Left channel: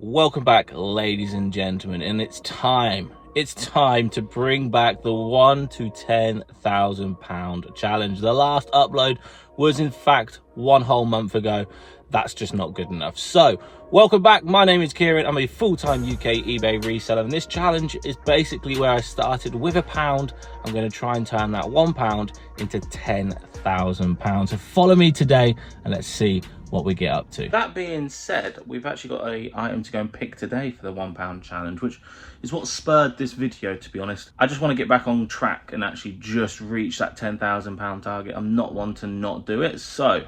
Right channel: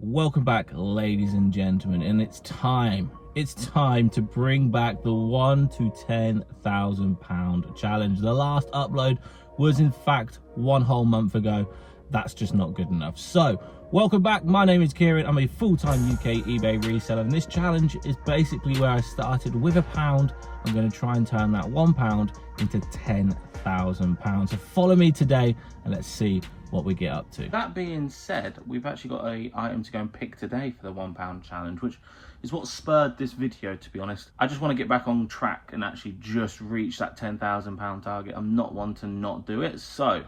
Welcome back, ladies and gentlemen, and it's time to bring back the £1 to £10,000 challenge. The last upload was in fact 1 whole month ago. That's just not good enough. So welcome back. My name is Kieran. I'm a full-time UK eBay reseller, and this challenge is basically where I started with £1. I'm going to try and turn that £1 into £10,000. So follow me today and let's see what we get up to. That being said, we've actually got an item to go and pick today for the £1 challenge, which is what spurred this video, to be honest. I just want to get back on track and actually just reach that £10,000 target. I'm not one to not do it, so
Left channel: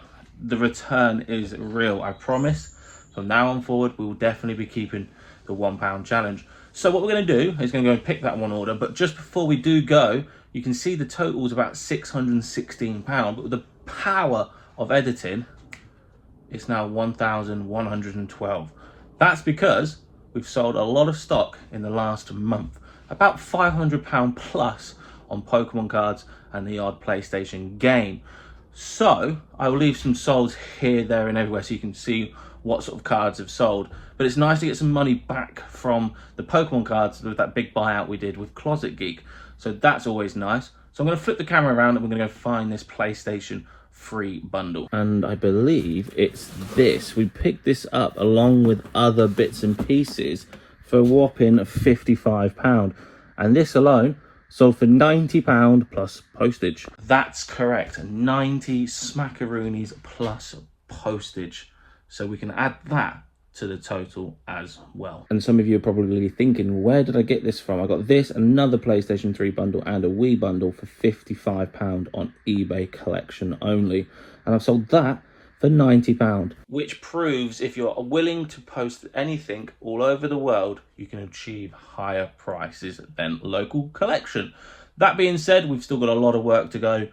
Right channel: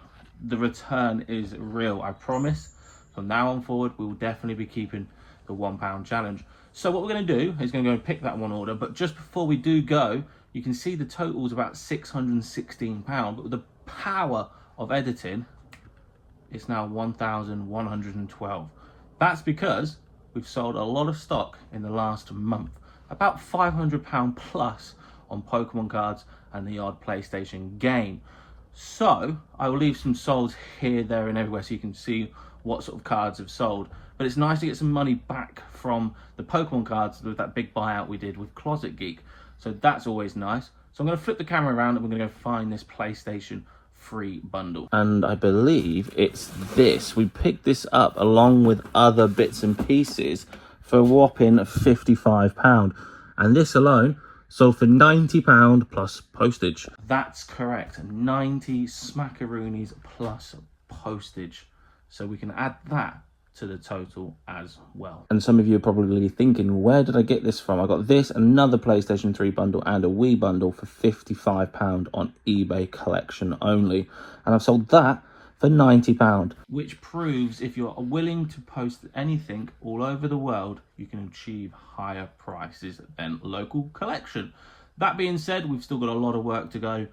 the return is real, I promise. From now on forward, we will definitely be keeping the £1 challenge. So what we're going to do is going to go and pick that one order, but just before we do go, you can see the total is about £616, but with the power of editing, it's now 1,112. That's because we've sold a lot of stock in the last month, about £500 plus on Pokemon cards and the odd PlayStation game. So I will leave some solds here, there and everywhere so you can see what sort of cards have sold. But it's nice to get some money back from the Pokemon cards with that big buyout we did with Closet Geek. So that's always nice. So I'm going to flip the camera around and we're going to go find this PlayStation free bundle. And I believe it's this. We picked this up along with other bits and pieces for a whopping £55. And this alone sold for £90 plus postage. That's correct, 90 smackaroonies plus postage. So we can add that to the total as well. And some of you are probably thinking, where did I get this from? I got this, another PlayStation 3 bundle and a Wii bundle for £55 on eBay collection only. And I've sold that for £90. Which proves if you're willing to post anything all over the world, you can achieve higher prices than local collection. That being said, we've still got a lot of work to go.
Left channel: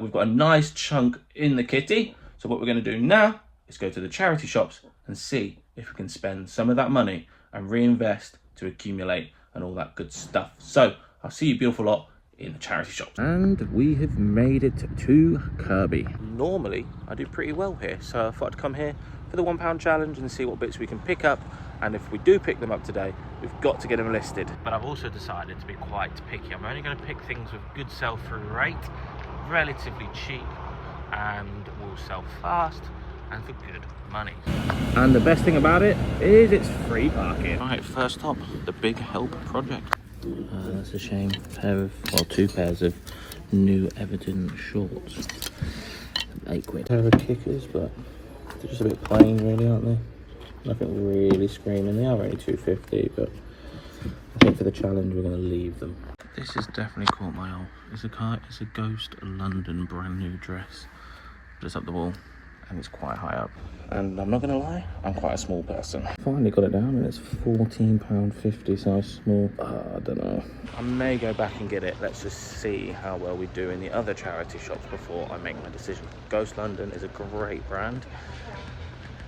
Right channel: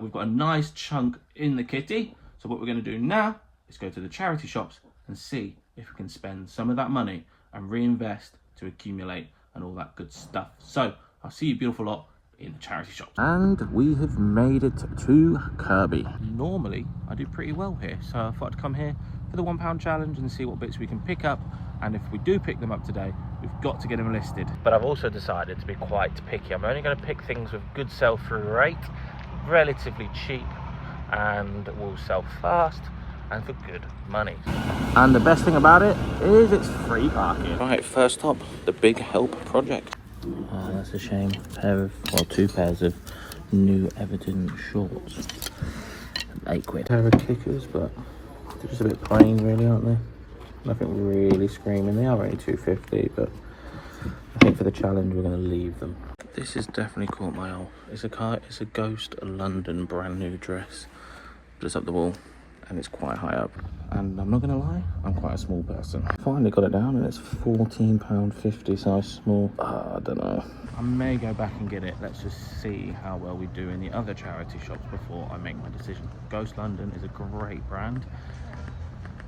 We've got a nice chunk in the kitty. So what we're going to do now is go to the charity shops and see if we can spend some of that money and reinvest to accumulate and all that good stuff. So I'll see you beautiful lot in the charity shop. And we have made it to Kirby. Normally I do pretty well here, so I thought I'd come here for the £1 challenge and see what bits we can pick up. And if we do pick them up today, we've got to get them listed. But I've also decided to be quite picky. I'm only going to pick things with good sell-through rate, relatively cheap, and will sell fast and for good money. And the best thing about it is it's free parking. Right, first up, the Big Help project. That's a shame. Two pairs of new Everton shorts. £8. Pair of kickers, but they're just a bit plain really, aren't they? Nothing really screaming. They are only £2.50, but I think for the challenge we're going to leave them. This has definitely caught my eye. It's a Ghost London brand new dress. Just up the wall. And it's quite high up, and I'm not gonna lie, I'm quite a small person. Finally got it down, and it's £14.50 size small. I don't know, I may go back and get it. Let's just see how well we do in the other charity shops before I make my decision. Ghost London is a great brand,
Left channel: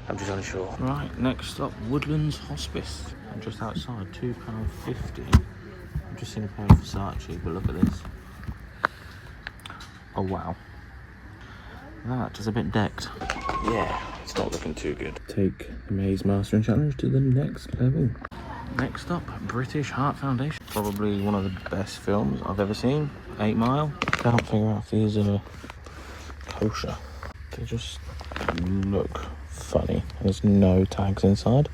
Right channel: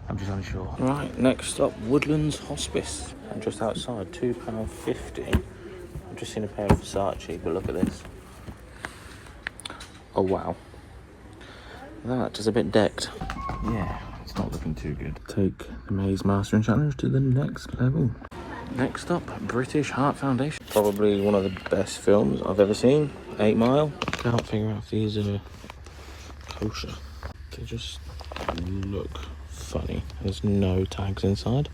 I'm just unsure. Right, next up, Woodlands Hospice. I'm just outside, £2.50. I've just seen a pair of Versace, but look at this. Oh wow, that is a bit decked. Yeah, it's not looking too good. Take the Maze Mastering Challenge to the next level. Next up, British Heart Foundation. Probably one of the best films I've ever seen. 8 Mile. Can't figure out if these are kosher. They just look funny. There's no tags inside.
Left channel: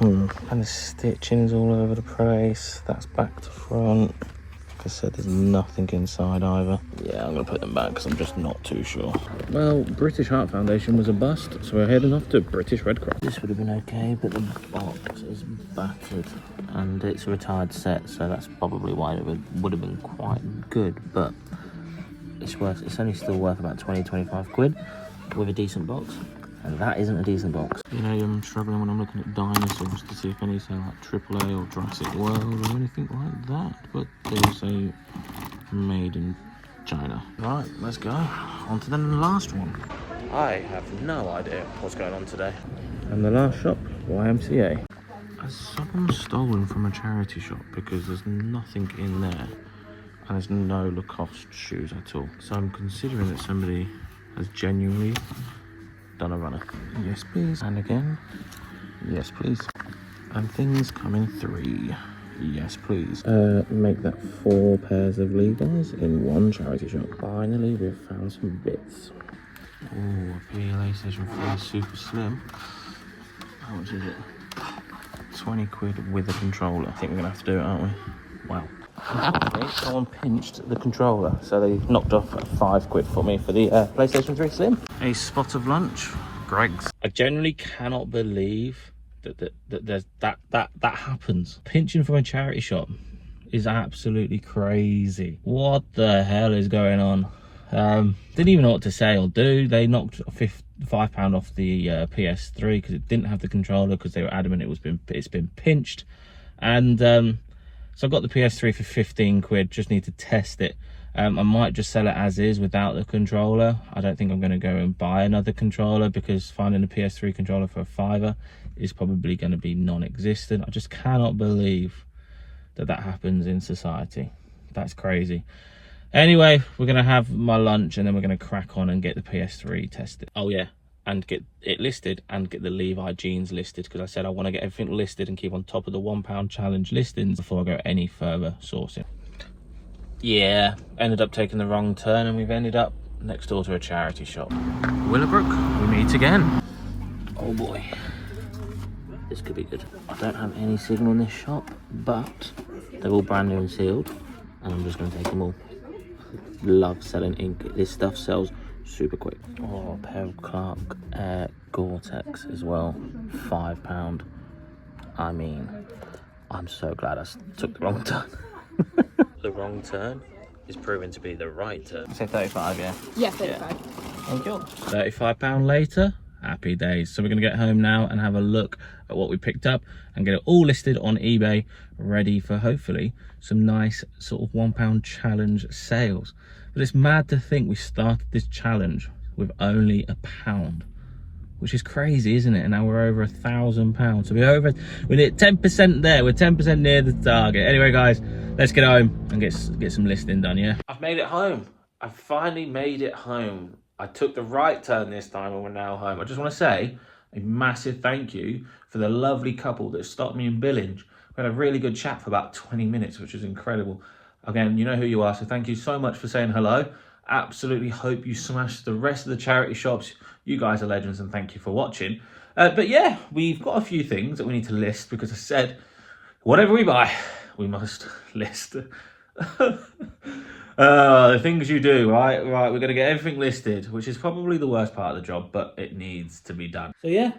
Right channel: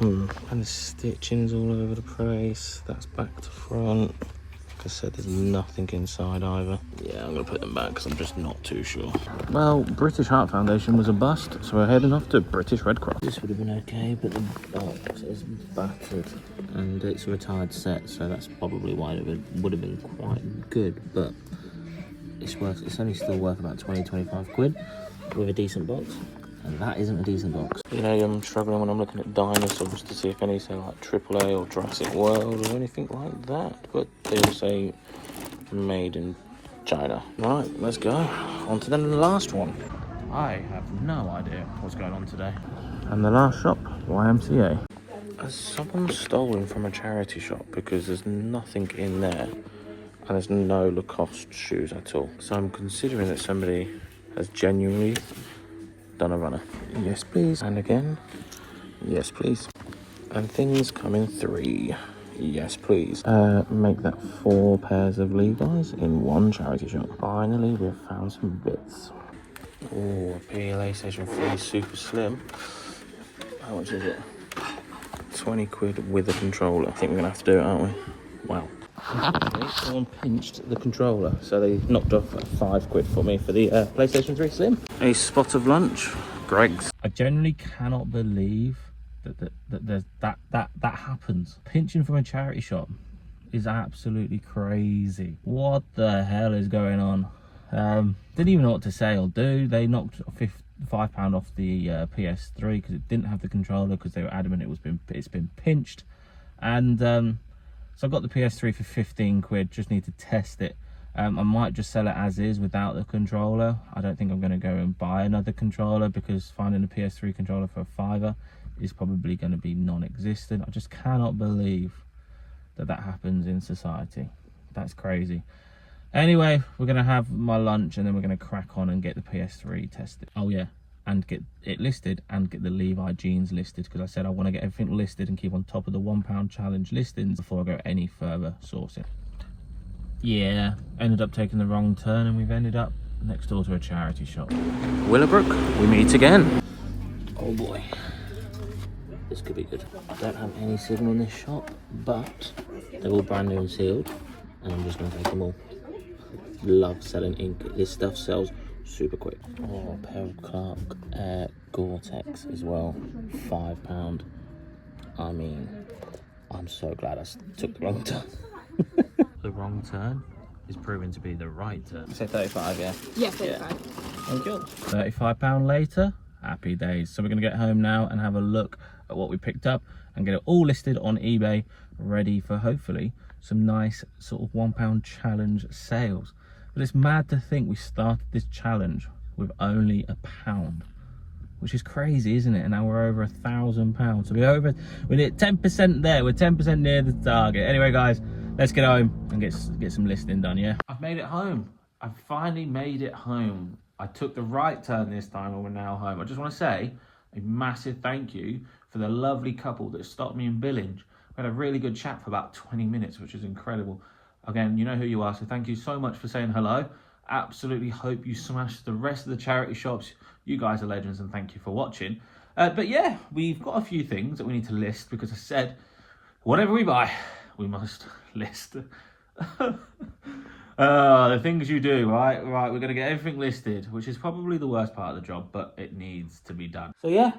And the stitching's all over the place. That's back to front. Like I said, there's nothing inside either. Yeah, I'm gonna put them back because I'm just not too sure. Well, British Heart Foundation was a bust, so we're heading off to British Red Cross. This would have been okay, but the box is battered and it's a retired set, so that's probably why it would have been quite good, but it's only still worth about 20-25 quid with a decent box. And that isn't a decent box. You know, I'm struggling when I'm looking at dinosaurs to see if any say like AAA or Jurassic World or anything like that. But they all say made in China. Right, let's go. On to the last one. I have no idea what's going on today. And the last shop, YMCA. Has someone stolen from a charity shop? Because there's nothing in there. And there's no Lacoste shoes at all. So I'm considering that somebody has genuinely done a runner. Yes, please. And again, Yes, please. And things coming 3. Yes, please. Make that 4 pairs of Levi's in 1 charity shop. Finally, we've found some bits. Oh, a PlayStation 3 Super Slim. How much is it? 20 quid with a controller. I think we're gonna have to do it, aren't we? Wow. Someone pinched the controller, so they knocked off 5 quid for me for the PlayStation 3 Slim. A spot of lunch, Greg's. I genuinely cannot believe that happens. Pinching from a charity shop is absolutely crazy. What the hell is going on? Didn't even know what to say or do. They knocked £5 off the PS3 because it didn't have the controller, because they were adamant it's been pinched. And so I got the PS3 for 15 quid. Just need to test it. I might just sell it as is without the controller. I don't think I'm going to go and buy another controller, because finding a PS3 controller for a £5 is probably going to be non-existent. I just cannot believe that happens in society. That's crazy. Anyway, we're going to have my lunch and then we're going to crack on and get the PS3 tested. Oh yeah, and get it listed and get the Levi jeans listed, because I said I want to get everything listed and keep on top of the £1 challenge listings before I go any further sourcing. Yeah, ended up taking the wrong turn and we've ended up next door to a charity shop. Willowbrook, we meet again. Oh boy, this could be good. I don't have any signal in this shop, but they're all brand new and sealed, and I'm just going to take them all. Love selling ink. This stuff sells super quick. Oh, a pair of Clark Air Gore-Tex as well, £5. I mean, I'm so glad I took the wrong turn. The wrong turn is proving to be the right turn. Say 35, yeah? Yeah, 35. Yeah. Thank you. £35 later, happy days. So we're going to get home now and have a look at what we picked up and get it all listed on eBay, ready for hopefully some nice sort of £1 challenge sales. But it's mad to think we started this challenge with only £1, which is crazy, isn't it? And now we're over £1,000. So we're near 10% there. We're 10% near the target. Anyway, guys, let's get home and get some listing done, yeah? I've made it home. I've finally made it home. I took the right turn this time and we're now home. I just want to say a massive thank you for the lovely couple that stopped me in Billinge. We had a really good chat for about 20 minutes, which was incredible. Again, you know who you are, so thank you so much for saying hello. Absolutely hope you smash the rest of the charity shops. You guys are legends, and thank you for watching. But yeah, we've got a few things that we need to list, because I said, whatever we buy, we must list. The things you do, right? Right, we're going to get everything listed, which is probably the worst part of the job, but it needs to be done. So yeah,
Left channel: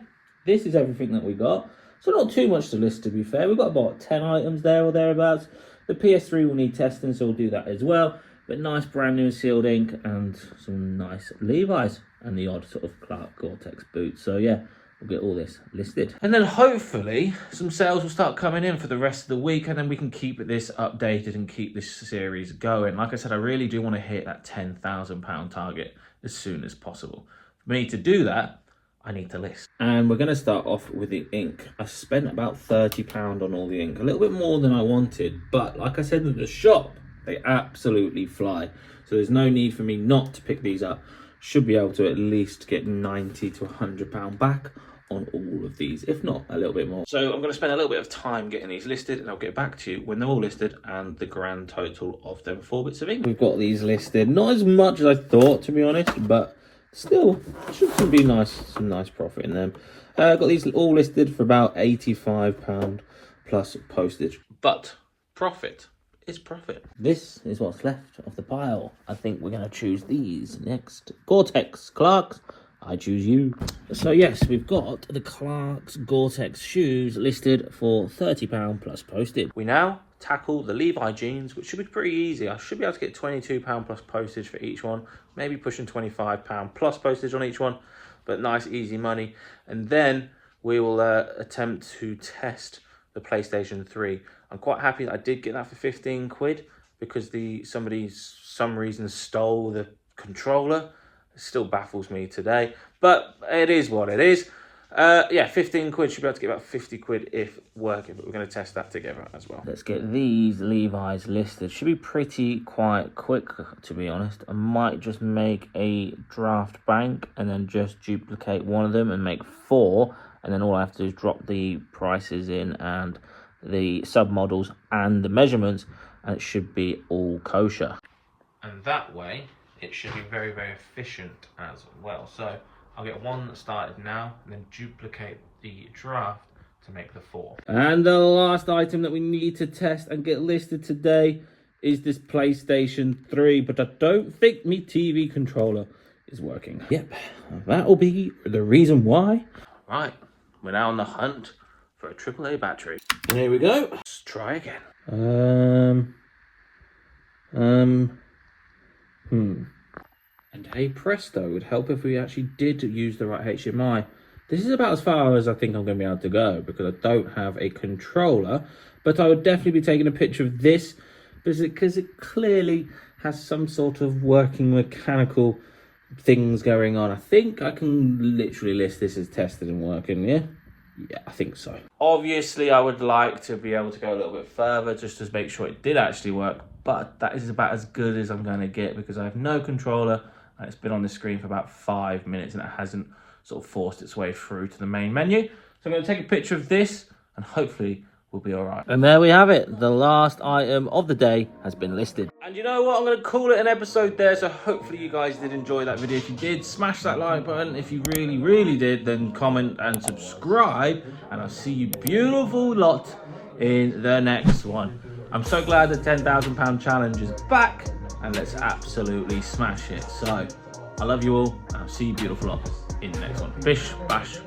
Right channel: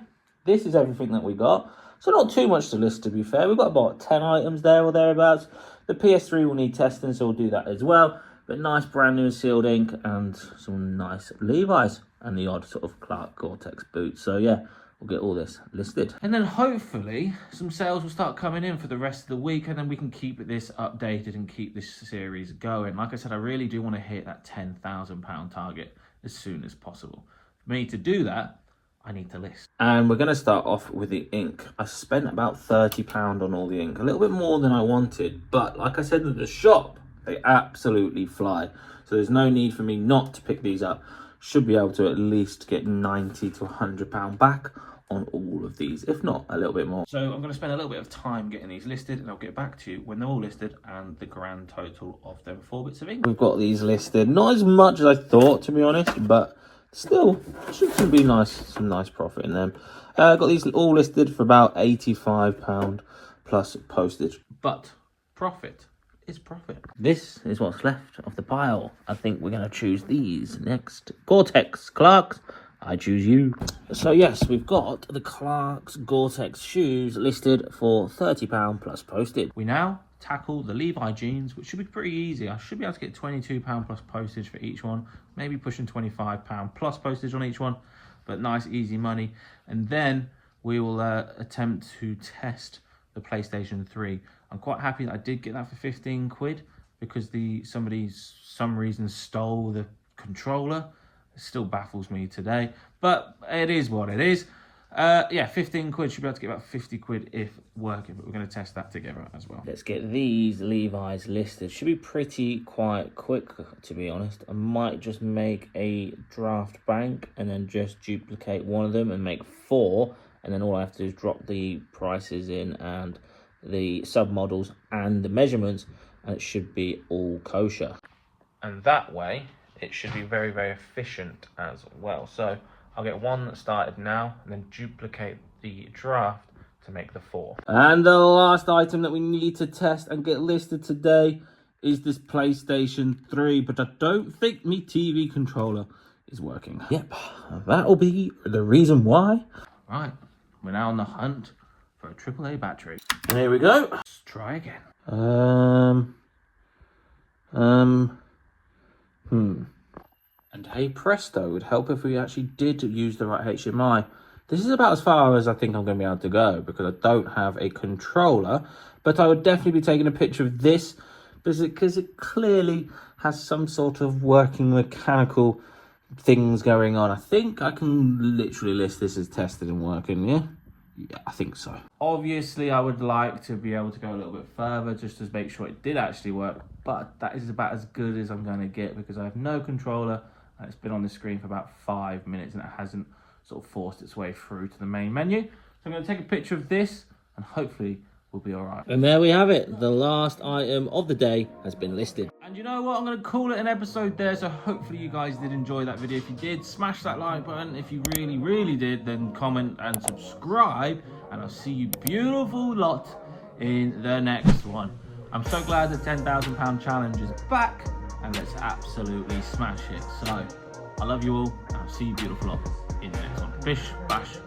this is everything that we got. So not too much to list, to be fair. We've got about 10 items there or thereabouts. The PS3 will need testing, so we'll do that as well. But nice brand new sealed ink and some nice Levi's and the odd sort of Clark Gore-Tex boots. So yeah, we'll get all this listed. And then hopefully some sales will start coming in for the rest of the week, and then we can keep this updated and keep this series going. Like I said, I really do want to hit that £10,000 target as soon as possible. For me to do that, I need to list. And we're going to start off with the ink. I spent about £30 on all the ink, a little bit more than I wanted, but like I said in the shop, they absolutely fly. So there's no need for me not to pick these up. Should be able to at least get £90 to £100 back on all of these, if not a little bit more. So I'm going to spend a little bit of time getting these listed, and I'll get back to you when they're all listed and the grand total of them 4 bits of ink. We've got these listed, not as much as I thought, to be honest, but still should be nice, some nice profit in them. Got these all listed for about £85 plus postage, but profit is profit. This is what's left of the pile. I think we're going to choose these next. Gore-Tex Clarks, I choose you. So yes, we've got the Clarks Gore-Tex shoes listed for £30 plus postage. We now tackle the Levi jeans, which should be pretty easy. I should be able to get £22 plus postage for each one, maybe pushing £25 plus postage on each one, but nice easy money. And then we will attempt to test the PlayStation 3. I'm quite happy that I did get that for 15 quid, because somebody some reason stole the controller. It still baffles me today, but it is what it is. Yeah, 15 quid, should be able to get about 50 quid if working, but we're going to test that together as well. Let's get these Levi's listed. Should be pretty quite quick, to be honest. I might just make a draft bank and then just duplicate one of them and make 4, and then all I have to do is drop the prices in and the submodels and the measurements, and it should be all kosher. And that way, it should be very, very efficient as well. So I'll get one started now, and then duplicate the draft to make the 4. And the last item that we need to test and get listed today is this PlayStation 3, but I don't think my TV controller is working. Yep, that'll be the reason why. Right, we're now on the hunt for a AAA battery. And here we go. Let's try again. And hey presto, it would help if we actually did use the right HDMI. This is about as far as I think I'm going to be able to go, because I don't have a controller, but I would definitely be taking a picture of this because it clearly has some sort of working mechanical things going on. I think I can literally list this as tested and working, yeah? Yeah, I think so. Obviously, I would like to be able to go a little bit further just to make sure it did actually work, but that is about as good as I'm going to get because I have no controller and it's been on the screen for about 5 minutes and it hasn't sort of forced its way through to the main menu. So I'm going to take a picture of this and hopefully we'll be all right. And there we have it. The last item of the day has been listed. And you know what? I'm going to call it an episode there. So hopefully you guys did enjoy that video. If you did, smash that like button. If you really, really did, then comment and subscribe. And I'll see you beautiful lot in the next one. I'm so glad the £10,000 challenge is back. And let's absolutely smash it. So I love you all. And I'll see you beautiful lot in the next one. Bish, bash,